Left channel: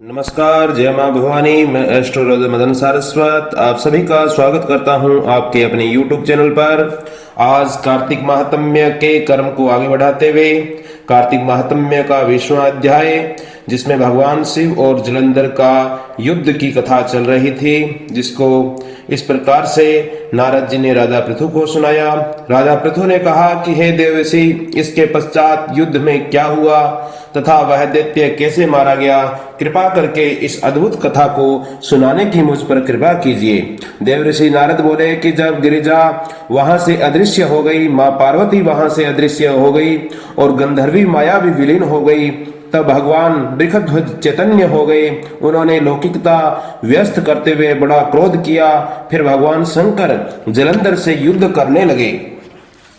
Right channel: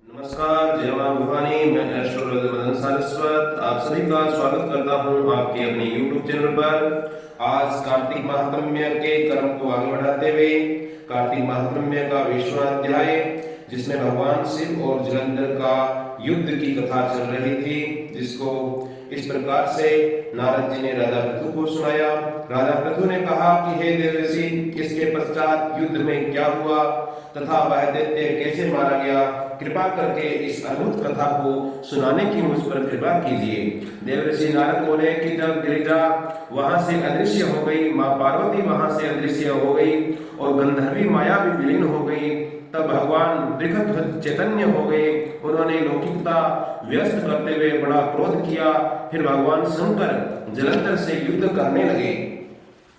नमस्कार, जय माँ भवानी। मैं एस्ट्रोलॉजर मदन सारस्वत आप सभी का स्वागत करता हूँ आपके अपने यूट्यूब चैनल पर। आज कार्तिक महात्म्य के कर्म को आगे बढ़ाते हुए कार्तिक महात्म्य का 20वां अध्याय, जिसमें भगवान शिव और जलंधर का युद्ध की कथा चल रही थी, जिसको इस प्रकार से नारद जी ने राजा पृथु को सुनाया। राजा पृथु ने कहा कि हे देवर्षि, इसके पश्चात युद्ध में क्या हुआ तथा वह दैत्य कैसे मारा गया, कृपा करके इस अद्भुत कथा को सुनाने की मुझ पर कृपा कीजिए। देवर्षि नारद बोले कि जब गिरिजा वहां से अदृश्य हो गई, माँ पार्वती वहां से अदृश्य हो गई और गंधर्वी माया भी विलीन हो गई, तब भगवान वृषध्वज चैतन्य हो गए। उन्होंने लौकिकता व्यस्त करते हुए बड़ा क्रोध किया। फिर भगवान शंकर जलंधर से युद्ध करने लगे।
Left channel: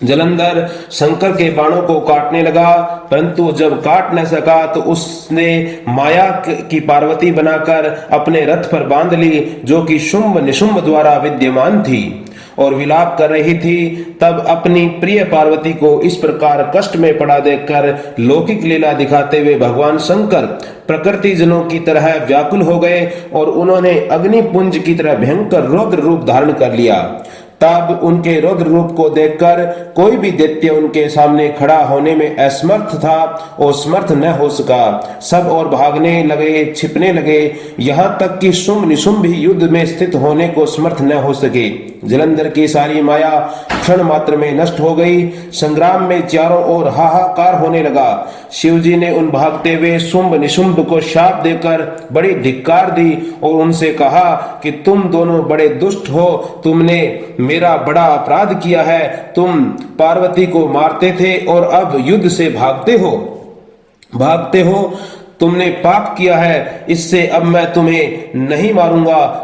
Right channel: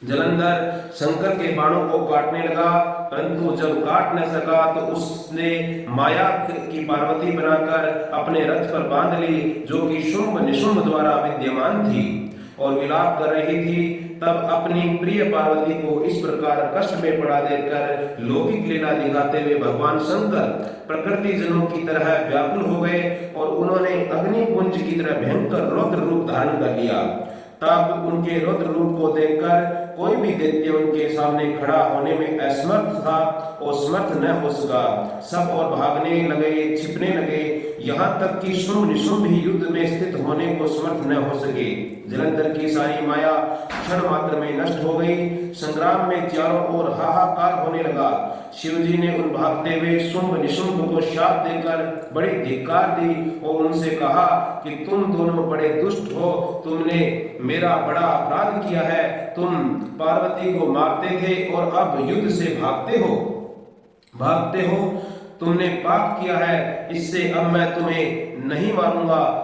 जलंधर शंकर के बाणों को काटने लगा, परंतु जब काट न सका तो उसने माया की पार्वती बनाकर अपने रथ पर बांध ली, जो कि शुंभ निशुंभ द्वारा विद्यमान थी और विलाप कर रही थी। तब अपनी प्रिय पार्वती को इस प्रकार कष्ट में पड़ा देखकर लौकिक लीला दिखाते हुए भगवान शंकर प्रकृति जनों की तरह व्याकुल हो गए और उन्होंने अग्निपुंज की तरह भयंकर रौद्र रूप धारण कर लिया। तब उनके रौद्र रूप को देखकर कोई भी दैत्य उनके सामने खड़ा होने में असमर्थ था और समर्थ न हो सका। सब और भागने लगे, छिपने लगे, यहाँ तक कि शुंभ निशुंभ भी युद्ध में स्थित होने को समर्थ न हो सके। जलंधर की सारी माया क्षण मात्र में नष्ट हो गई। संग्राम में चारों ओर हाहाकार होने लगा। शिवजी ने उन भागते हुए शुंभ निशुंभ को शाप देकर बड़ी धिक्कार दी और उनसे कहा कि तुम दोनों बड़े दुष्ट हो, तुमने मेरा बड़ा अपराध किया है। तुम पार्वती को मारते थे और अब युद्ध से भागते हो। तुमने पाप किया है, इससे अब मैं तुम्हें नहीं मारूंगा।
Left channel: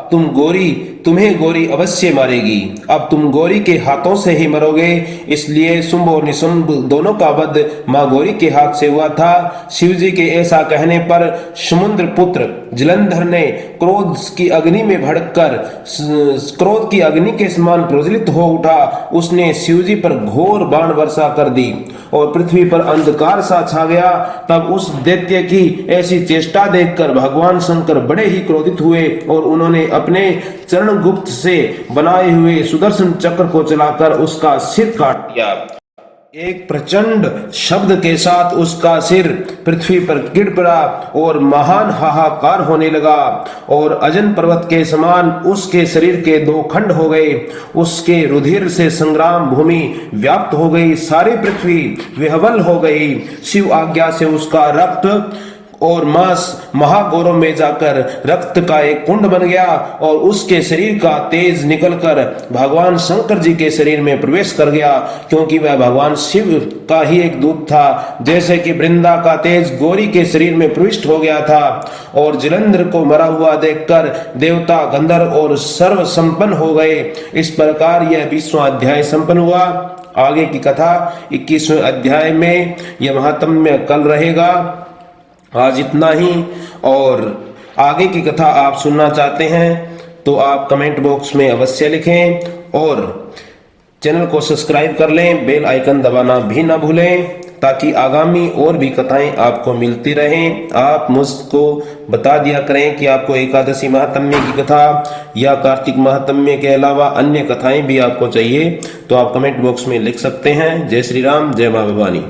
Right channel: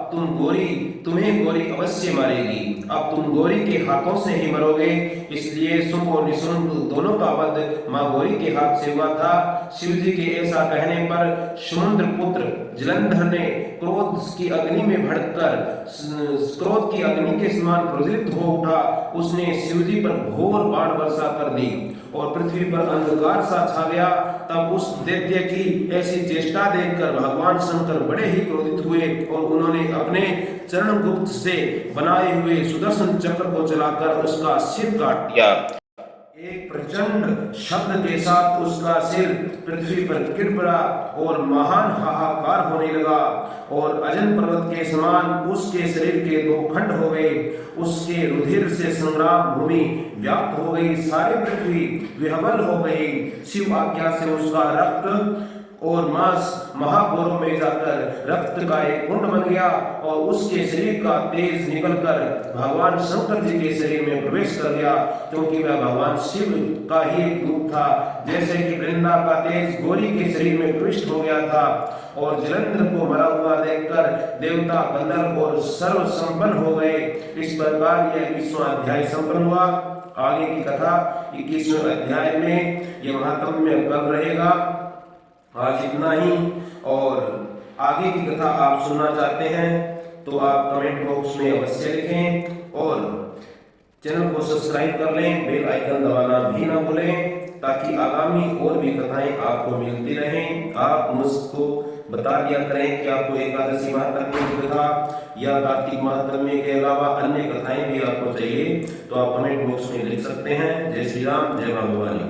तुम्हें गौरी अवश्य मारेगी। अब तुम गौरी के हाथों से ही मरोगे। इसलिए शुंभ और निशुंभ दोनों का वध मां गौरी के हाथ से हुआ था। शिवजी के ऐसा कहने पर समुद्र पुत्र जलंधर ने क्रोध की अग्नि में भड़ककर क्रोध की अग्नि के समान प्रज्वलित हो उठा। उसने शिवजी पर घोर बाण वर्षा कर दी और पृथ्वी पर अंधकार सा छा गया। तब उस दैत्य की ऐसी चेष्टा देखकर भगवान शंकर बड़े ही क्रोधित हुए और उन्होंने अपने चरण गुप्त से बनाए हुए सुदर्शन चक्र को चलाकर उसका सिर काट दिया। एक प्रचंड शब्द के साथ उसका सिर पृथ्वी पर गिर पड़ा और महान हाहाकार होने लगा और अजन पर्वत के समान उसके शरीर के दो खंड हो गए। उसके रुधिर से संग्राम भूमि व्याप्त हो गई, सारी पृथ्वी विह्वल हो गई। शिव आज्ञा से उसका रक्त और मांस महागौरव में जाकर रक्त का एक कुंड बन गया और उसके शरीर का तेज निकलकर भगवान शंकर जी के शरीर में प्रवेश कर गया, क्योंकि वह भगवान शिव का ही एक दूत था। जैसे कि वृंदा का तेज गौरी के शरीर में प्रविष्ट हो गया था। और जलंधर को मरा हुआ देखकर देवता, गंधर्व और सर्व संपन्न हो गए। इस प्रकार यह 20वां अध्याय संपन्न हुआ। आगे की कथा 21वें अध्याय में यह महात्म्य कल रहेगा। आज इतना ही, और आगे की कथा आप सुनना चाहते हैं तो आप कमेंट बॉक्स में अवश्य लिखें और चैनल को सब्सक्राइब कर लें, बेल आइकन दबाना भी ना भूलें, ताकि आगामी और भी कथाएं आपको मिलती रहें। आप मुझको बता दिया करें कि आपको एकादशी महात्म्य की कथा या कार्तिक महात्म्य के अलावा अन्य कथाएं भी आपको चाहिए, तो आप कमेंट बॉक्स में लिख सकते हैं। जय श्री राम, जय मां भवानी।